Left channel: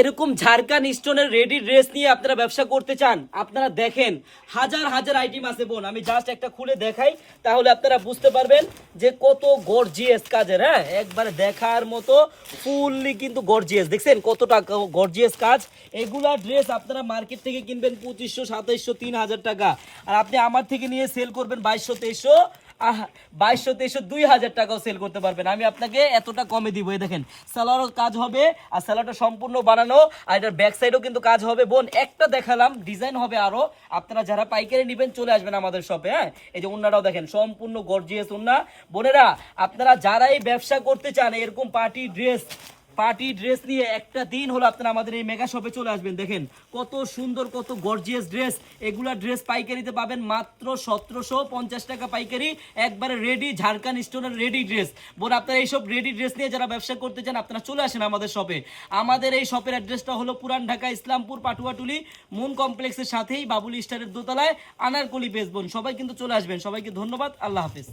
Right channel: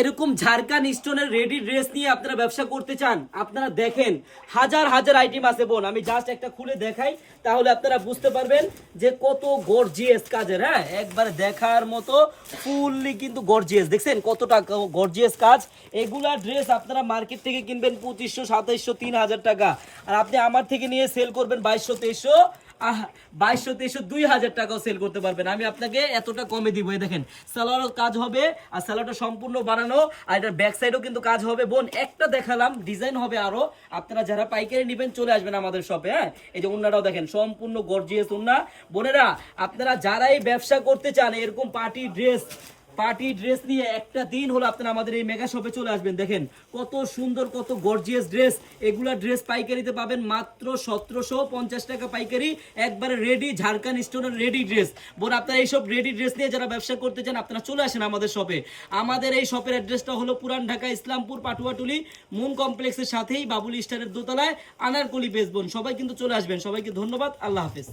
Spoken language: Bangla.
এরকম ঝাড়খান স্টোনের রেডি ড্রেস নিয়ে আপনারা ব্যবসা করতে চান, আপনারা দেখেন হাজার হাজার আইটেম আছে বোন। আমি জাস্ট একটা খুলে দেখাই, তাহলে আপনারা বুঝতে পারবেন যে কত গর্জিয়াস কাজের। হ্যাঁ, একবারে দেখার মতো ফুললি কিন্তু গর্জিয়াস। দেখছেন কতটা গর্জিয়াস কাজ। এগুলা ড্রেস আপনারা মার্কেট থেকে কিনবেন 2500, 2700, 3000 টাকা, আর আপনি আমার থেকে নিয়ে সেল করবেন 2200, 2300, 2200, 2300, 2000 টাকাও সেল করতে পারবেন। আমি আপনাকে এতটা কমে দিব। এই দেখেন সালোয়ারও কাজ হবে, আর সালোয়ারটা সম্পূর্ণ বানানো, আর এটার ব্যাক সাইডও কিন্তু কাজ হবে বোন। একটা দেখালাম, ডিজাইন হবে আরো। আপনারা যারা পাইকারি নেবেন চলে আসবেন আমাদের শপে। হ্যাঁ, এই যে উন্নাটাও দেখেন সম্পূর্ণ গর্জিয়াস উন্না। বোনেরা আপনারা যারাই ব্যবসা করতে চান এরকম পার্টি ড্রেস নিয়ে একটা দিন হলো আপনারা আমাদের এই মেগা শপে চলে আসবেন। দেখেন কত সুন্দর, কত গর্জিয়াস ড্রেস। এগুলা ড্রেস পাইকারিতে পাবেন মাত্র 1750 টাকা পাইকারি, একবারে রেডি ঝাড়খান স্টোনের রেডি ড্রেস। বোন আপনারা এইসব রেডি ড্রেস নিয়ে যারা ব্যবসা করতে চান আপনারা চলে আসেন আমাদের শপে। আমাদের এই শপের অ্যাড্রেসটা হলো পুরান ঢাকা ইসলামপুর পাটুয়াটুলি মুন কমপ্লেক্সের সাথেই বাবুল স্টারের দোতলায় আনারকলি বেস। বোন সবাই কিন্তু চলে আসবেন। সবাইকে ধন্যবাদ, আল্লাহ হাফেজ।